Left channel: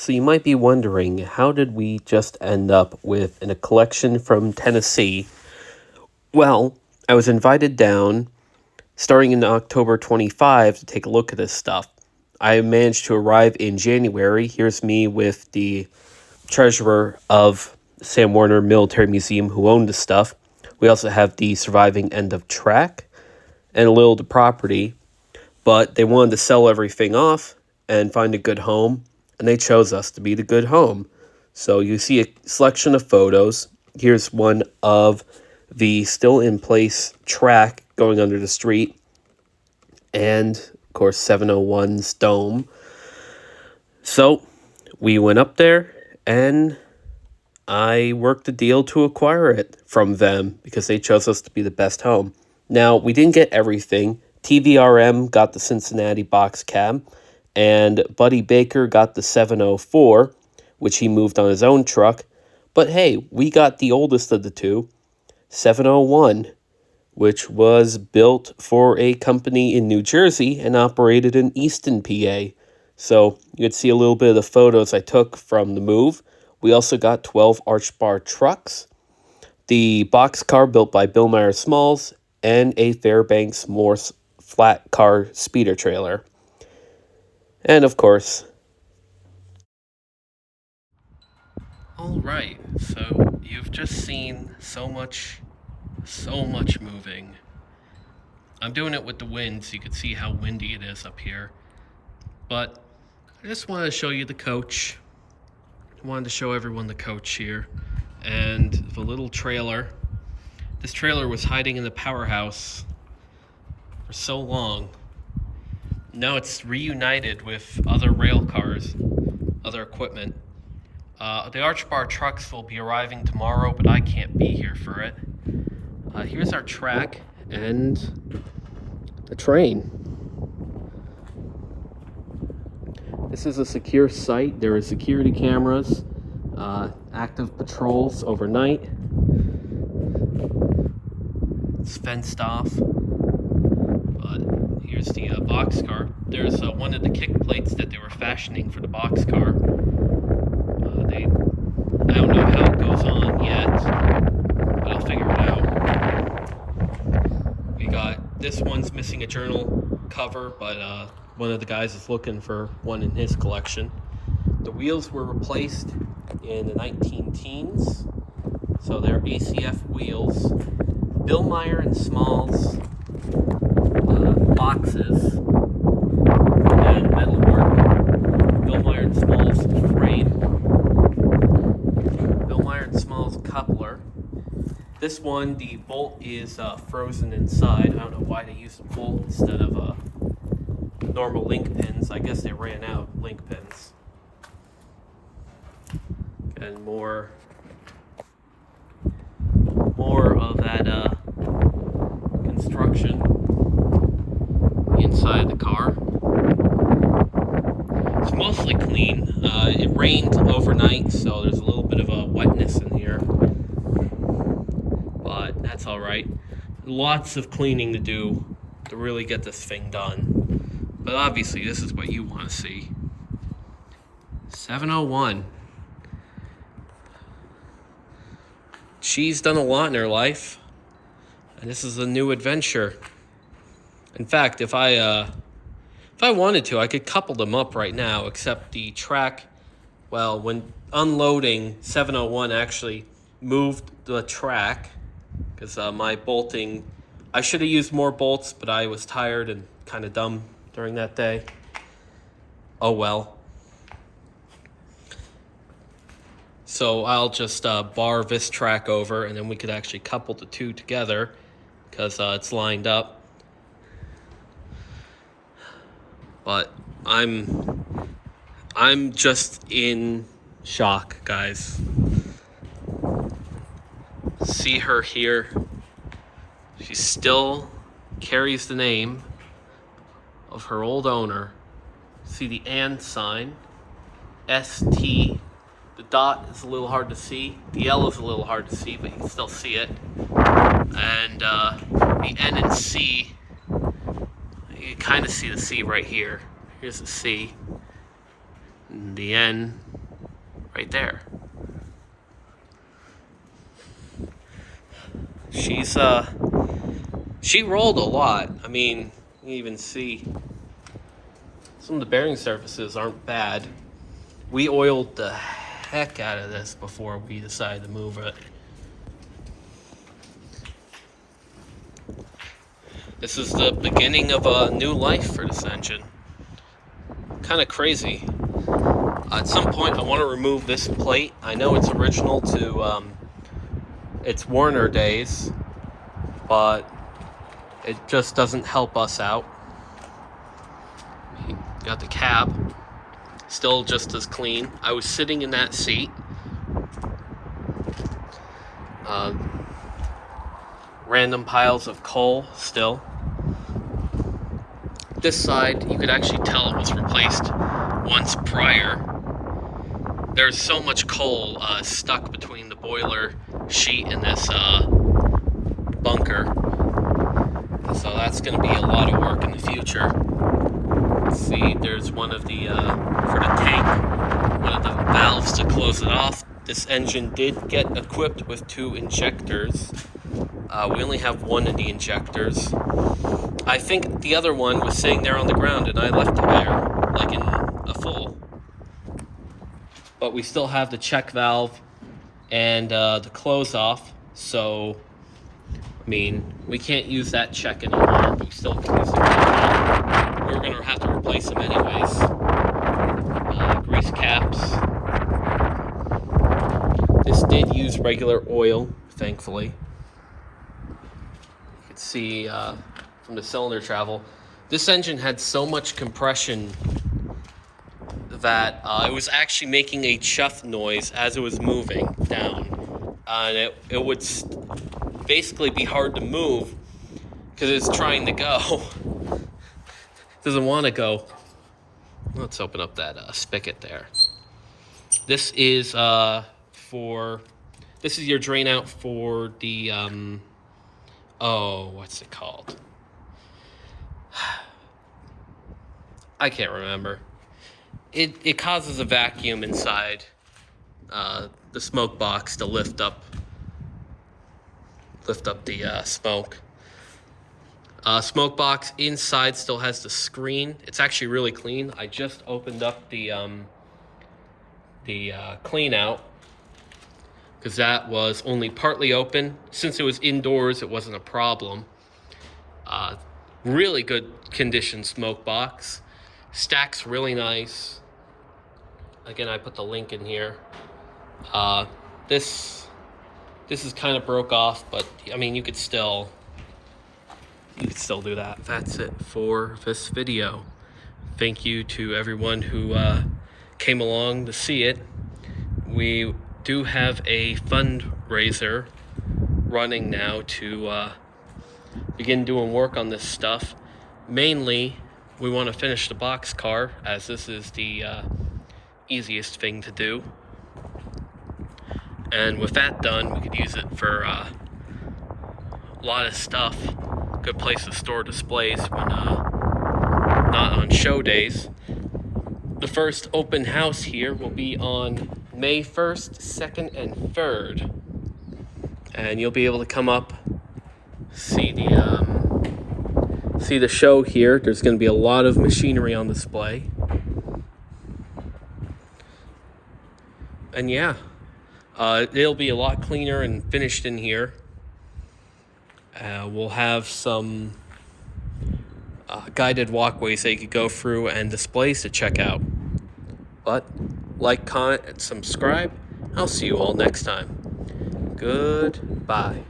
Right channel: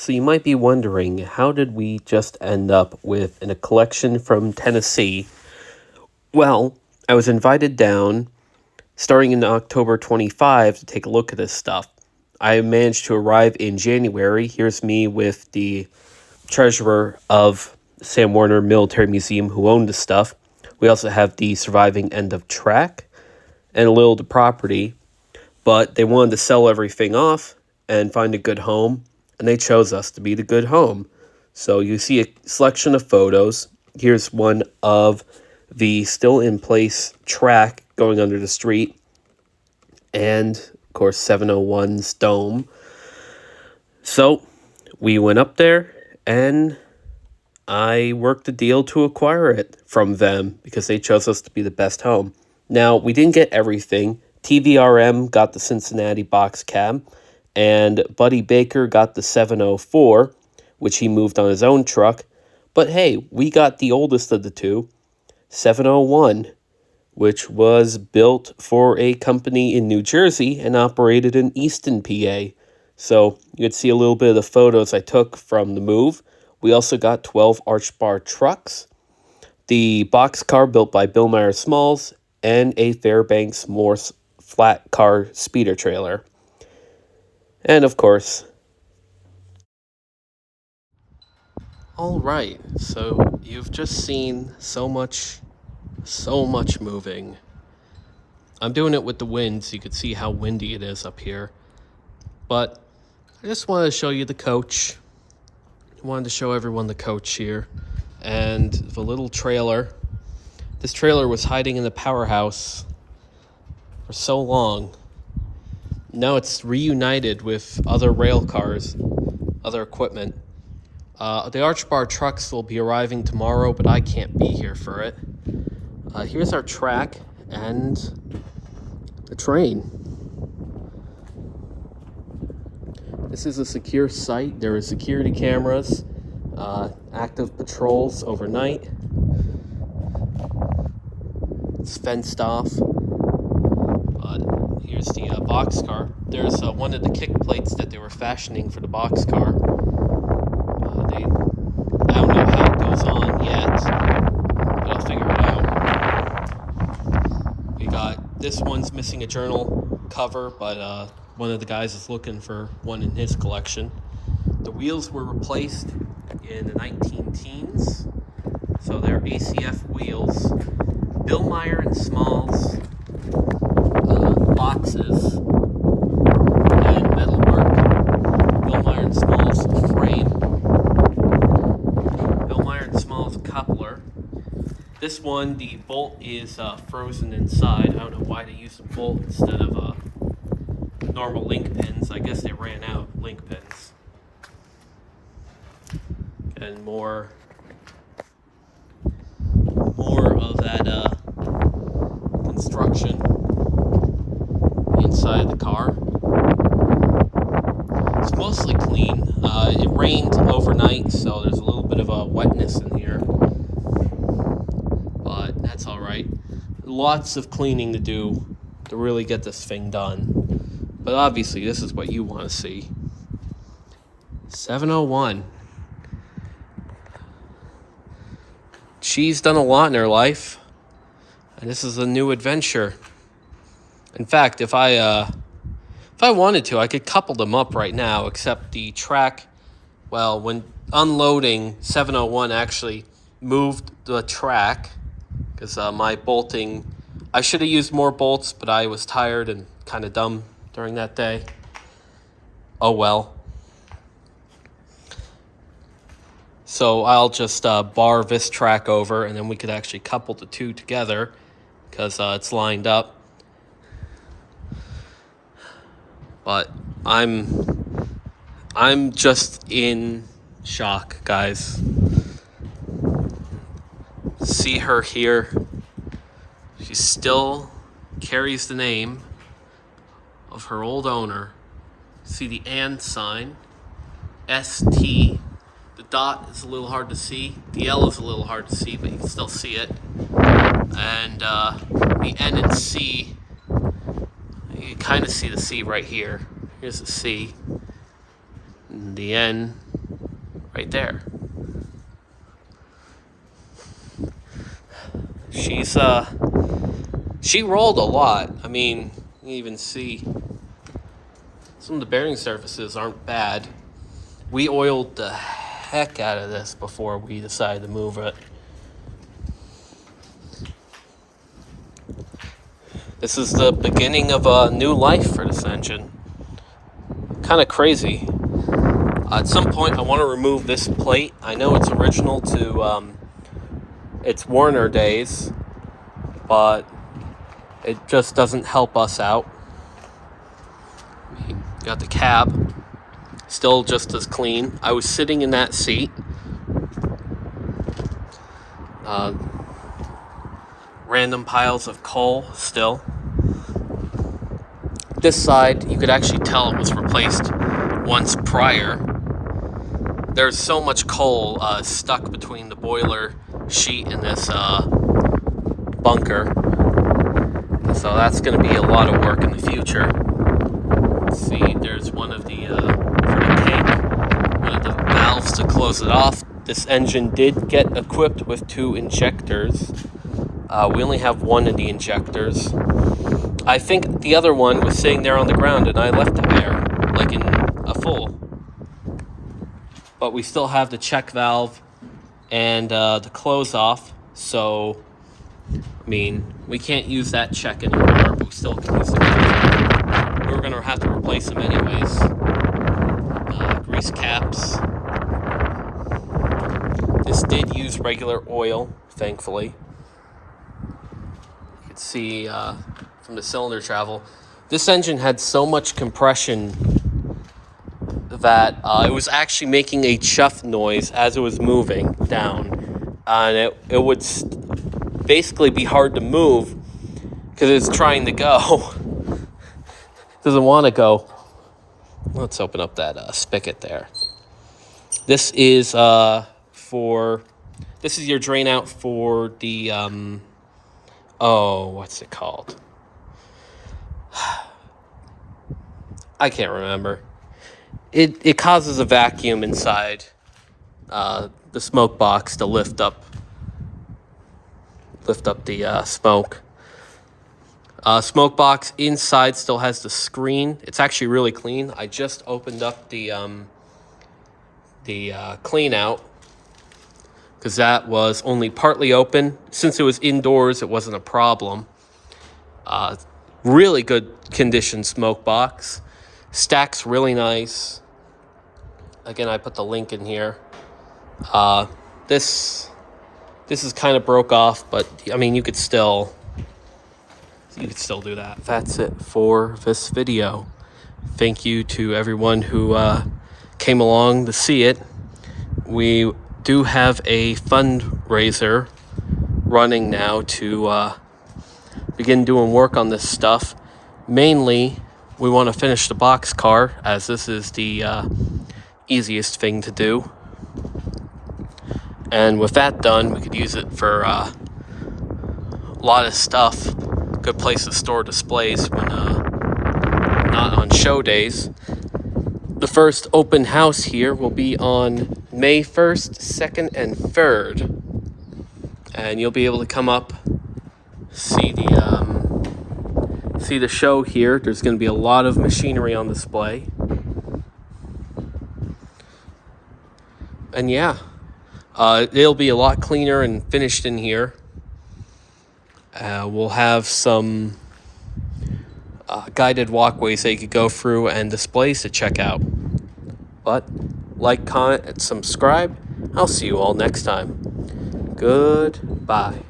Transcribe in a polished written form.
So you might be wondering, how did we just end up with a collection from Tennessee? Well, I was invited down starting in October 25 to take a look at this stuff. I managed to arrive in January. Here's me with the treasurer of Sam Warner Military Museum who owned the stuff. We also have the surviving end of track and a little of the property, but they wanted to sell everything off and find a good home, and they chose us to be the good home. So you see a selection of photos. Here's one of the still in place track going under the street, and of course 701's dome. So we went up there, and I worked a deal to acquire it from them because they chose us to be the best home. Now, we didn't get everything. TVRM got the Cincinnati box cab, and Buddy Baker got the 704, which he moved on his own truck. But hey, we got the oldest of the two, 701, which was built for a company in New Jersey and operated in Easton, PA. So you could see a little bit of the photos I took from the move. We also got 12 arch bar trucks, the boxcar built by Bill Meyer Smalls, and a Fairbanks Morse flat car speeder trailer. And of course... Alright, so you've just seen so much moving. I'm doing it with the wind so you can see how windy it is up here. But I just wanted to show you the coach. I wanted to show everyone the coach here. And the little trailer. This trailer was hiding in the powerhouse for so long. Now it's reunited with other rail cars, other equipment. The arch bar trucks will be arriving tomorrow, but I can't be here for it. Here's our track and the train. This is a secure site. There are security cameras, active patrols overnight. It's fenced off. Here's the boxcar. There's one of the kick plates that they were fashioning for the boxcar. I don't know how it goes on yet, but I'll figure it out. We got, this one's missing a journal cover, but one of the guys is looking for one in his collection. The wheels were replaced in the 19-teens, so they're ACF wheels. Bill Meyer and Smalls boxes and metalwork. Bill Meyer and Smalls frame. Bill Meyer and Smalls coupler. This one, the bolt is frozen inside. I don't know why they used a bolt instead of normal link pins. I guess they ran out of link pins. And more of that construction inside the car. It's mostly clean. It rained overnight, so there's a little bit of a wetness in here, but that's all right. Lots of cleaning to do to really get this thing done, but obviously this is what you want to see. 701. She's done a lot in her life, and this is a new adventure. In fact, if I wanted to, I could couple them up right now, except the track, well, when unloading, 701 actually moved the track, because my bolting, I should have used more bolts, but I was tired and kind of dumb during that day. Oh well. So I'll just bar this track over, and then we could actually couple the two together because it's lined up. But I'm just in shock, guys. See her here. She still carries the name of her old owner. See the and sign, ST. The dot is a little hard to see. The L is a little hard to see, but you can still see it. And the N and C, you kind of see the C right here. Here's the C. And the N right there. She rolled a lot. I mean, you even see some of the bearing surfaces aren't bad. We oiled the heck out of this before we decided to move it. This is the beginning of a new life for this engine. Kind of crazy. At some point, I want to remove this plate. I know it's original to its Warner days, but it just doesn't help us out. Got the cab, still just as clean. I was sitting in that seat. Random piles of coal still. This side, you could actually tell it was replaced once prior. There's so much coal stuck between the boiler sheet and this bunker. So that's going to be a lot of work in the future. Let's see, there's one of the, for the tank, one of the valves to close it off. This engine did get equipped with 2 injectors. We only have one of the injectors. I think the other one was sitting there on the ground and I left it there, like in a full. But we still have the check valve and the close off, so I mean, we can't use that check anymore, but we still can use it. We were gonna have to replace them anyways. Grease caps. This did use regular oil, thankfully. You can see from the cylinder travel, this engine had so much compression that it was actually making a chuff noise as it was moving down. And it would basically be hard to move because it's trying to go. Doesn't want to go. Let's open up that spigot there. This is this is your drain out for the what's it called? I can't remember. It causes a vacuum inside the smoke box to lift up the smoke. Smoke box inside still has the screen. It's actually really clean. I just opened up the clean out because that was only partly open. Since it was indoors, it wasn't a problem. Really good condition smoke box. Stacks really nice. Again, I put the link in here. This is kind of broke off, but I mean, you could still do that. That's it for this video. Thank you to everyone who came along to see it. We do have a fundraiser running now to begin doing work on this stuff. Mainly, we want to finish the box car, as this is the easiest thing to do. And with that done, we could use it for a lot of stuff. Good place to store displays when not on show days. The first open house here will be on May 1st, 2nd, and 3rd. And you'll be able to come up, see the show here. There's going to be a lot of machinery on display. And yeah, it'll be a lot cleaner and finished in here. We'll have some guided walkways that you could go through and displays to check out. But like, comment, and subscribe. I'll see you all next time. Goodbye.